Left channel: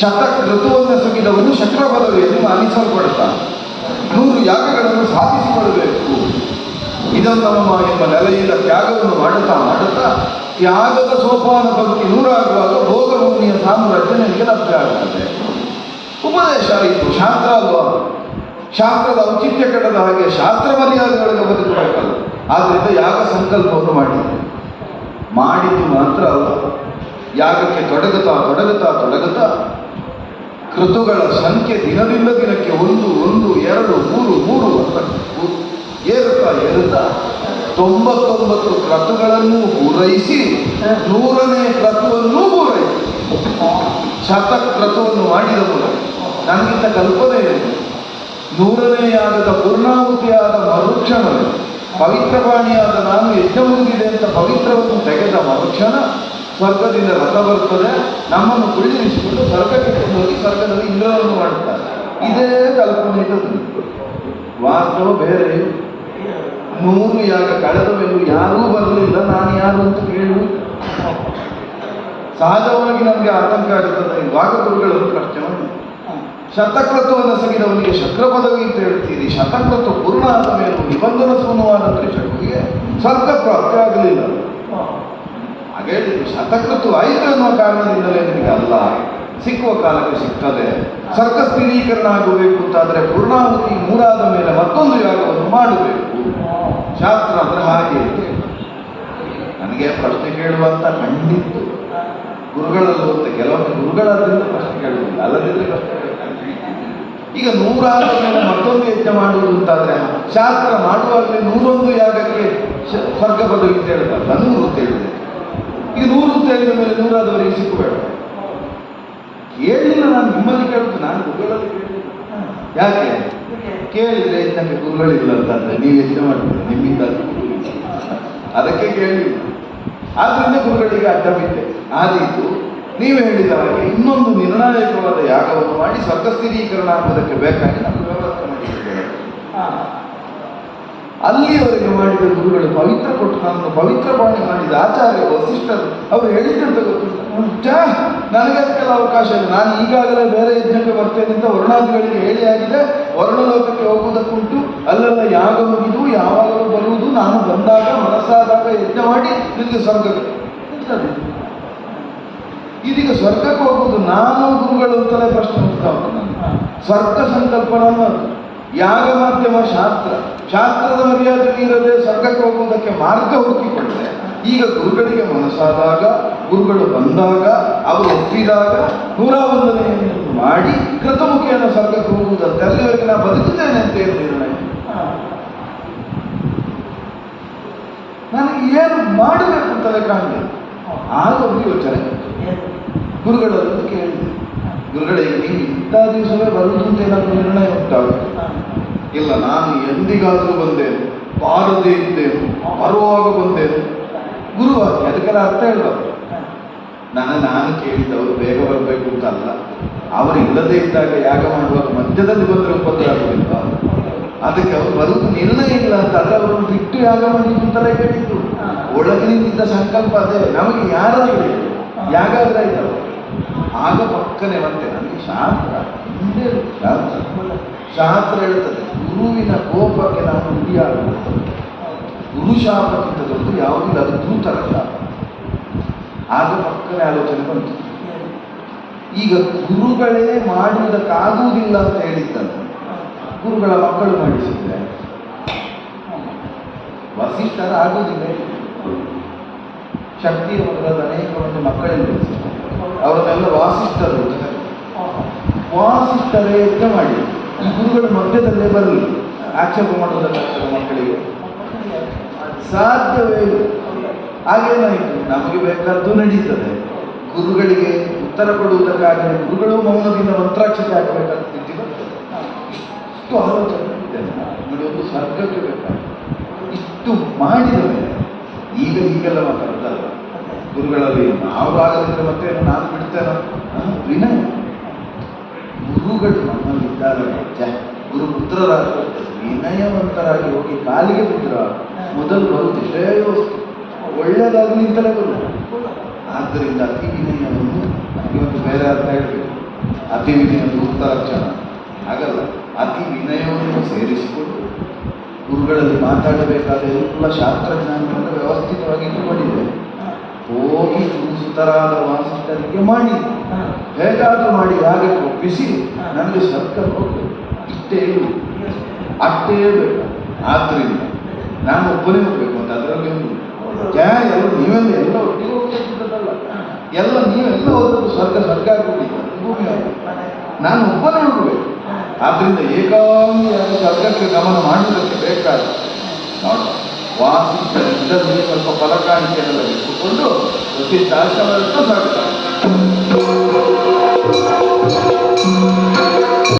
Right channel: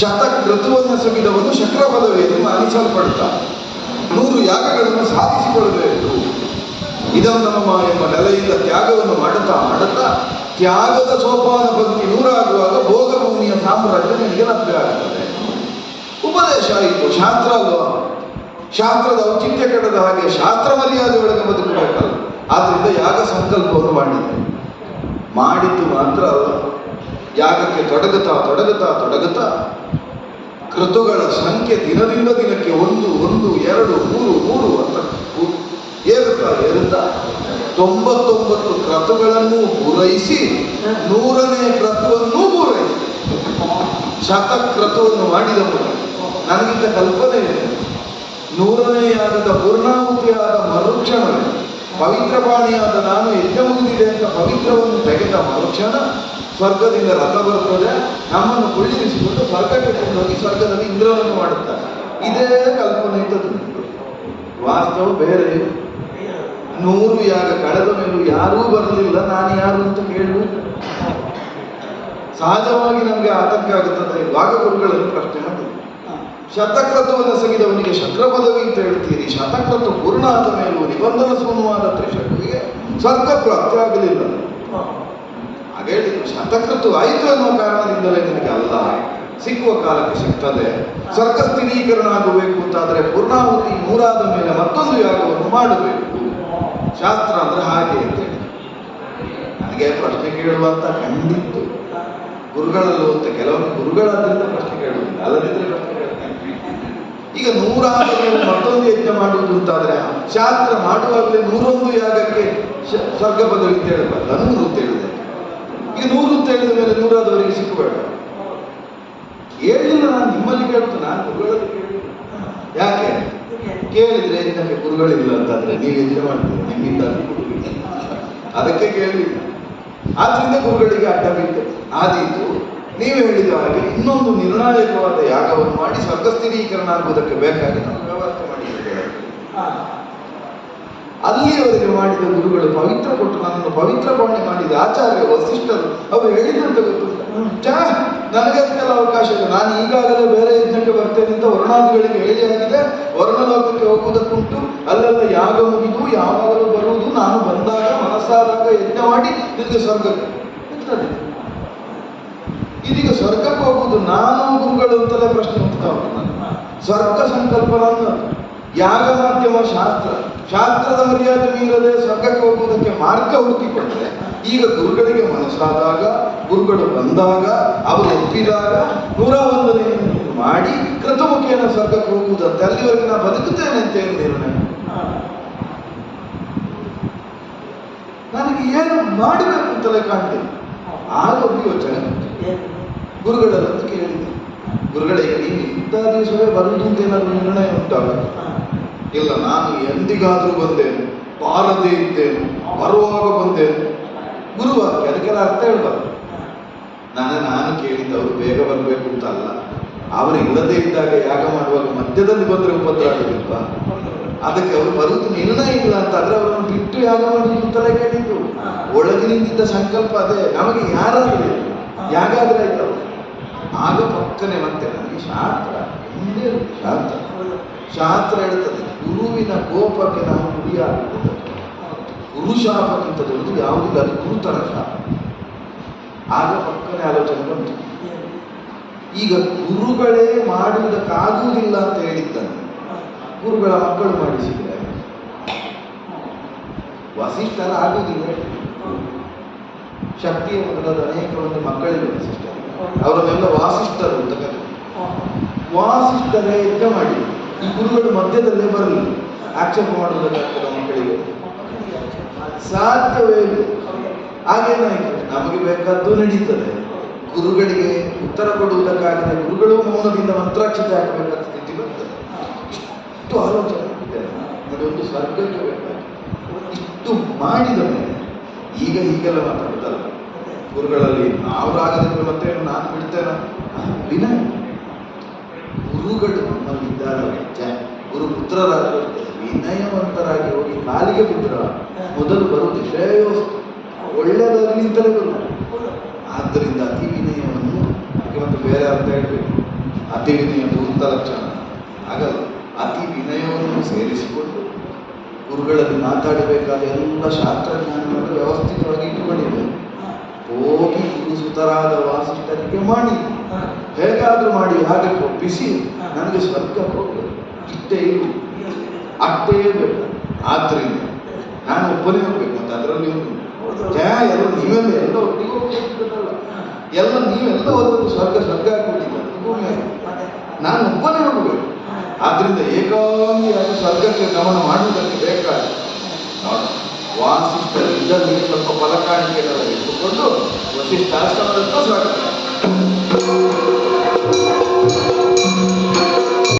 ಶತಕ್ರತುವನ್ನು ಸಗಿದವನು ಶಕ್ರ ಪದವಿಯಲ್ಲಿ ಮಾನಿಸಲ್ಪಡ್ತಾನೆ. 100 ಯಾಗಗಳನ್ನು ಸಾಧಿಸಿಕೊಳ್ಳಬೇಕು. ಇದನ್ನು ಎಂಬ ನೆಲೆಯಿಂದ ತ್ಯಾಗವನ್ನು ಮಾಡುತ್ತಾ ಮಾಡುತ್ತಾ ತ್ಯಾಗದ ಸೋಪಾನ ಬದುಕಿ 100 ಆಗುವಾಗ ಭೋಗಭೂಮಿಯ ಸಾಮ್ರಾಜ್ಯ ನನಗೆ ಲಭ್ಯ ಆಗುತ್ತದೆ. ಉಪದೇಶ ಆಯಿತು, ಶಾಸ್ತ್ರ ಅಲ್ವಾ? ಶಾಸ್ತ್ರದ ಔಚಿತ್ಯ ಕೆಡದ ಹಾಗೆ ಶಾಸ್ತ್ರ ಮರ್ಯಾದೆಯೊಳಗೆ ಬದುಕಬೇಕಲ್ಲ. ಆದ್ರಿಂದ ಯಾಗ ಸಂಕಲ್ಪವನ್ನು ಮಾಡಿದ್ದು ಮಾತ್ರ ಅಲ್ಲ, ಯಾಗಕ್ಕೆ ತೊಡಗುತ್ತಾ ಕೃತುಗಳ ಸಂಖ್ಯೆ ದಿನದಿಂದ ದಿನಕ್ಕೆ 1, 2, 3 ಅಂತ ಏರುತ್ತಾ 99 ಕ್ರತುಗಳನ್ನು ಪೂರೈಸಿ 100ನೇ ಕ್ರತುವನ್ನು ಪೂರೈಸಿ ಶತಕ್ರತುವನ್ನು ಮಾಡಿದವರು. ನನಗಿಂತ ಕಲ್ಪನೆ ಇದೆ. 100ನೇ ಯಾಗದ ಪೂರ್ಣಾಹುತಿಯಾದ ಮರುಕ್ಷಣವೇ ಪವಿತ್ರಪಾಣಿಯಾದ ನಾನು ಯಜ್ಞ ಮುಗಿದಿದೆ ಅಂತ ಪವಿತ್ರವನ್ನು ತೆಗೆದ ಮರುಕ್ಷಣ ಸ್ವರ್ಗದಿಂದ ರಥ ಬರುತ್ತದೆ. ನಮ್ಮನ್ನು ಕುಳ್ಳಿರಿಸಿಕೊಂಡು ಸ್ವರ್ಗಕ್ಕೆ ಹೋಗಿ ಸ್ವರ್ಗದಲ್ಲಿ ಇಂದ್ರವನ್ನು ಮಾಡುತ್ತಾರೆ. ಇದೇ ಕಲ್ಪನೆ ಇದ್ದದ್ದು. ವಾಸ್ತವ ಬೇರೆ. 100 ಯಾಗ ಕಳೆದ ಮೇಲೆ ಯಾರೂ ಬರಲಿಲ್ಲ, ನಾನು ಯಾರು ಅಂತ ಕೇಳುವುದು ಸಹಜವಾಗಿ ನಮಗೆ ಆತಂಕ ಆಗುತ್ತದೆ. ಇವಾಗ ಗುರುಗಳಲ್ಲಿ ಪ್ರಶ್ನೆ ಮಾಡಿ, ಶತಕ್ರತುವನ್ನು ಸಗಿದವನಿಗೆ ಶಕ್ರ ಪದವಿ ಅಂತ ಹೇಳ್ತೀರಿ, ಶತಕ್ರತು ಪೂರ್ಣ ಆದ ಮೇಲೂ ನಿಬಂಧನ ಸುಮವಾದ ತ್ರಿಶಕ್ತಿಗೆ ಸ್ವರ್ಗ ಪ್ರಾಪ್ತಿ ಆಗಲಿಲ್ಲ. ಹಾಗೆ ಶತಕ್ರತು ಆಯಿತು ಎನ್ನುವ ಕಾರಣದಿಂದಲೇ ನಿನಗೆ ಅಲ್ಲ, ಸಿಕ್ಕುವ ಕಾಲಕ್ಕೆ ಸಿಗ್ತದೆ. ಸ್ವರ್ಗ ಸ್ಥಿರೀಕರಣ ಆಗಬೇಕು ಅಂತಾದರೆ ಪೂರ್ಣಾಹುತಿ 3 ಆದ ಮೇಲೆ ಮತ್ತೊಂದು ಯಾಗವನ್ನು ಮಾಡಬೇಕು. ಶಾಸ್ತ್ರ ಅಂದ್ರೆ ಹಾಗೆ ಅಂತ ನನಗೆ ಪ್ರಶ್ನೆ ಕೇಳುವಂತ ಖಂಡಿತ್ತು ಗುರುಗಳಲ್ಲೂ ಅಂತ. ಕೆಲವೊಮ್ಮೆ ಗುರುಗಳಾದ್ರಿಂದ ಪ್ರಶ್ನೆ ಕೇಳುವುದಿಲ್ಲ, ಅಲ್ಲದಿದ್ರೆ ಪ್ರಶ್ನೆ ಕೇಳ್ತಾರೆ. ಈಗ 100 ಆದ ಮೇಲೆ ಮತ್ತೊಂದು ಯಜ್ಞ ಮಾಡುವುದು ಅಂತಾದ್ರೆ ಶಾಸ್ತ್ರ ಮಾಡುವಾಗಲೇ 101 ಯಾಗಕ್ಕೆ ಸ್ವರ್ಗ ಪದವಿ ಅಂತ ಹೇಳಬಾರ್ದು, 100 ಅಂತ ಹೇಳಿದೆ. ಈಗ 100 ಅಂತ ಹೇಳಿದ ಮೇಲೆ 100 ಆದವರಿಗೆ ಸಿಕ್ಕಬೇಡ. ಕೇಳಿಲ್ಲ, ನಾನು ನಿಮ್ಮಲ್ಲಿ ಕೇಳ್ತೇನೆ, ನಾನು ಗುರುಗಳಲ್ಲಿ ಕೇಳಿಲ್ಲ. ಯಾಕೆ ಕೇಳಿದ್ರೆ ನಮಗೆ ಗುರುಗಳಿಲ್ಲ ಅಂತಂದ್ರೆ ನೀವು ಯಜ್ಞ ಮಾಡ್ತೀರ, ನಿಮ್ಮಿಂದ ಅದಕ್ಕೆ ಕೇಳಿಲ್ಲ. ಆದ್ರಿಂದ ಗುರುಗಳಿಗೆ ಅಡ್ಡ ಬಿದ್ದೆ. ಆದೀತು ನೀವು ಹೇಳಿದ ಹಾಗೆ ಇನ್ನೊಂದು ನಿರ್ಣಾಯಕವಾದ ಯಾಗವನ್ನು ಮಾಡಿ ಸ್ವರ್ಗ ಸ್ಥಿರೀಕರಣ ಆಗುವುದಕ್ಕೆ ಬೇಕಾಗಿ ನಾವು ವ್ಯವಸ್ಥೆ ಮಾಡಿದ್ದೇವೆ. ಅಲ್ಲಿಯವರೆಗೆ ಮಾಡಿದ ಗುರುಗಳು ಪವಿತ್ರ ಕೊಟ್ಟು ನಮ್ಮನ್ನು ಪವಿತ್ರ ಭಾವನೆ ಮಾಡಿದ ಆಚಾರ್ಯ ವಸಿಷ್ಠರು ಅವರು ಹೇಳಿದಂತೆ ಗೊತ್ತಿಲ್ಲ. ನನಗೆ ಅದಕ್ಕೆಲ್ಲ ಅವಕಾಶ ಇಲ್ಲ, ನಾನು ಈಗಾಗಲೇ ಬೇರೆ ಯಜ್ಞಕ್ಕೆ ಬರ್ತೇನೆ ಅಂತ ವರ್ಣಾದಿಗಳಿಗೆ ಹೇಳಿ ಆಗಿದೆ. ವರ್ಣಲೋಕಕ್ಕೆ ಹೋಗುವುದಕ್ಕುಂಟು, ಅಲ್ಲೆಲ್ಲ ಯಾಗ ಮುಗಿದು ಯಾವಾಗಲೂ ಬರುವುದು, ನಾನು ಬಂದಾಗ ಮನಸ್ಸಾದಾಗ ಯಜ್ಞ ಮಾಡಿ ನಿಮಗೆ ಸ್ವರ್ಗಕ್ಕೆ. ಇದೀಗ ಸ್ವರ್ಗಕ್ಕೆ ಹೋಗುವುದು ನಾನು ಗುರುಗಳು ಅಂತಲೇ ಪ್ರಶ್ನೆ ಉಂಟಾಗ್ತದೆ. ಸ್ವರ್ಗ ಸಂಕಲ್ಪನೂ ಯಾಗ ಮಾಧ್ಯಮ ಶಾಸ್ತ್ರದ ಮರ್ಯಾದೆ ಮೀರದೆ ಸ್ವರ್ಗಕ್ಕೆ ಹೋಗುವುದಕ್ಕೆ ಮಾರ್ಗ ಹುಡುಕಿಕೊಂಡ್ರೆ ಈಗ ಗುರುಗಳಿಗೆ ಮನಸ್ಸಾದಾಗ, ಗುರುಗಳು ಬಂದಾಗ, ಅವರು ಎತ್ತಿದಾಗ 101ನೇ ಮಾಡಿ ಕೃತಮುಖಿಯನ್ನು ಸ್ವರ್ಗಕ್ಕೆ ಹೋಗುವುದಂತೆ. ಅಲ್ಲಿವರೆಗೆ ನಾನು ಬದುಕುತ್ತೇನೆ ಅಂತ ಏನು ನಿರ್ಣಯ? ನನಗೆ ಏನು ಮಾಡಬೇಕು ಅಂತಲೇ ಕಾಣಲಿಲ್ಲ. ಆಗ ಒಂದು ಯೋಚನೆ ಬಂತು. ಗುರುಗಳಲ್ಲೊಂದು ಕೇಳಿದೆ, ಗುರುಗಳಿಗೆ ನೀವು ಇಂಥ ದಿವಸವೇ ಬರುವುದು ಅಂತ ಏನಾದರೂ ನಿರ್ಣಯ ಉಂಟಾಗ? ಇಲ್ಲ, ನಾನು ಎಂದಿಗಾದರೂ ಬಂದೇನು, ಬಾರದೇ ಇದ್ದೇನು, ಬರುವಾಗ ಬಂದೇನು. ಗುರುವಾಕ್ಯ, ಅದಕ್ಕೆಲ್ಲ ಅರ್ಥ ಹೇಳ್ಬಾರ್ದು. ನಾನು ಕೇಳಿದ್ದವರು ಬೇಗ ಬರಬೇಕು ಅಂತಲ್ಲ, ಅವರು ಇಲ್ಲದೇ ಇದ್ದಾಗ ಯಾಗ ಮಾಡುವಾಗ ಮಧ್ಯದಲ್ಲಿ ಬಂದರೆ ಉಪದ್ರ ಆಗಿಲ್ಲ. ಅದಕ್ಕೆ ಅವರು ಬರುವುದು ನಿರ್ಣಯ ಇಲ್ಲ ಅಂತಂದ್ರೆ ಅವರನ್ನು ಬಿಟ್ಟು ಯಾಗ ಮಾಡುವುದು ಅಂತಲೇ ಕೇಳಿದ್ದು. ಒಳಗಿನಿಂದ ಸಂಕಲ್ಪ ಅದೇ. ನಮಗೆ ಯಾರಾಗಲಿ ಯಾಗಾದ್ರೆ ಆಯ್ತಲ್ಲ. ಆಗ ಪಕ್ಕನೆ ಮತ್ತೆ ನನಗೆ ಶಾಸ್ತ್ರ ಹೇಳ್ತದೆ, ಗುರುವಿನ ಕೋಪಕ್ಕೆ ನಾವು ಗುರಿಯಾಗುವುದು. ಗುರು ಶಾಪಕ್ಕಿಂತ ದೊಡ್ಡದು ಯಾವುದಿಲ್ಲ, ಅದು ಗುರುತರ ಶಾಪ. ಆಗ ಪಕ್ಕನೆ ಆಲೋಚನೆ ಬಂತು. ಈಗ ಗುರುಗಳೇ ಮಾಡುವುದಕ್ಕಾಗುವುದಿಲ್ಲ ಅಂತ ಹೇಳಿದ್ದನು ಗುರುಗಳ ಮಕ್ಕಳು ನಡೆಸಿದ್ರೆ ವಸಿಷ್ಠರ ಆಗುವುದಿಲ್ಲ. ಶಕ್ತಿಯ ಮೊದಲಾದ ಅನೇಕ ಮಂದಿ ಮಕ್ಕಳಲ್ಲಿ ವಸಿಷ್ಠರು, ಅವರನ್ನೆಲ್ಲ ವಾಸಿಷ್ಠರು ಅಂತ ಕರೀತಾರೆ. ವಾಸಿಷ್ಠರೇ ಯಜ್ಞ ಮಾಡಿ ಈ ಗುರುಗಳು ಮಧ್ಯದಲ್ಲೇ ಬರಲಿ, ಆಕ್ಷೇಪ ಮಾಡುವುದಕ್ಕಾಗ್ತದೆ ಮಕ್ಕಳಿಗೆ? ಸಾಧ್ಯವೇ ಇಲ್ಲ. ಹಾಗೇನಾಯಿತು, ನಮಗೆ ಬೇಕಾದ್ದು ನಡೀತದೆ, ಗುರುಗಳಿಗೆ ಉತ್ತರ ಕೊಡುವುದಕ್ಕಾಗದೆ ಗುರುಗಳು ಮೌನದಿಂದ ಮಂತ್ರಾಕ್ಷತೆ ಆಗಬೇಕಾದ ಸ್ಥಿತಿ ಬರ್ತದೆ. ಇಷ್ಟು ಆಲೋಚನೆ ನೋಡಿ, ಒಂದು ಸ್ವರ್ಗಕ್ಕೆ ಬೇಕಾಗ್ತದೆ. ಇಷ್ಟು ಮಾಡಿದ ಮೇಲೆ ಈಗ ಹೀಗೆಲ್ಲ ಮಾತಾಡ್ತಲ್ಲ ಗುರುಗಳಲ್ಲಿ. ನಾವಾಗದಿದ್ರೆ ಮತ್ತೆ ನಾನು ಬಿಡ್ತೇನೆ ವಿನ ಗುರುಗಳು ನಮ್ಮಲ್ಲಿದ್ದಾರೆ. ಗುರು ಪುತ್ರರಾಗಿ ವಿನಯವಂತರಾಗಿ ಹೋಗಿ ಕಾಲಿಗೆ ಬಿದ್ದರ ಮೊದಲು ಬರುತ್ತೆ ಶ್ರೇಯೋಸ್ತು, ಒಳ್ಳೆಯದಾಗಲಿ ಅಂತಲೇ ಬರುತ್ತೆ. ಆದ್ದರಿಂದ ಅತಿ ವಿನಯವನ್ನು ನನಗೆ ಒಂದು ಬೇರೆ ಅರ್ಥ ಹೇಳ್ಬೇಕು. ಅತಿ ವಿನಯ ಪೂರ್ತ ಲಕ್ಷಣ ಹಾಗಲ್ಲ. ಅತಿ ವಿನಯವನ್ನು ಸೇರಿಸಿಕೊಂಡು ಗುರುಗಳಲ್ಲಿ ಮಾತಾಡಬೇಕಾದ ಎಲ್ಲ ಶಾಸ್ತ್ರಜ್ಞಾನವನ್ನು ವ್ಯವಸ್ಥಿತವಾಗಿ ಇಟ್ಟುಕೊಂಡಿದ್ದೆ. ಹೋಗಿ ಸುತರಾದ ವಾಸಿಷ್ಠರಿಗೆ ಮಾಡಿ ಹೇಗಾದರೂ ಮಾಡಿ ಹಾಗೆ ಒಪ್ಪಿಸಿ ನನಗೆ ಸ್ವರ್ಗ ಕೊಟ್ಟು ಇಷ್ಟೇ ಇಲ್ಲ ಅಷ್ಟೇ ಬೇಕು. ಆದ್ದರಿಂದ ನಾನು ಒಬ್ಬನೇ ಹೋಗ್ಬೇಕು ಅಂತ ಅದರಲ್ಲಿ ಎಲ್ಲ ನೀವೆಲ್ಲ ಎಲ್ಲ ಒಟ್ಟಿಗೆ ಹೋಗ್ಬೇಕಿದ್ದಲ್ಲ, ಎಲ್ಲ ನೀವೆಲ್ಲ ಹೋದದ್ದು ಸ್ವರ್ಗ ಆಗ್ಬಿಟ್ಟಿದ್ದ ಭೂಮಿ ನಾನು ಒಬ್ಬನೇ ಹೋಗಬೇಕು. ಆದ್ರಿಂದ ಏಕಾಂಗಿಯಾದ ಸ್ವರ್ಗಕ್ಕೆ ಗಮನ ಮಾಡುವುದಕ್ಕೆ ಬೇಕಾದ ವಾಸಿಷ್ಠರಿಂದ ನೀವು ಸ್ವಲ್ಪ ಫಲಕಾಣಿಕೆಯನ್ನು ಇಟ್ಟುಕೊಂಡು ವಸಿಷ್ಠ ಆಶ್ರಮಕ್ಕೆ ಸ್ವಾಗತ.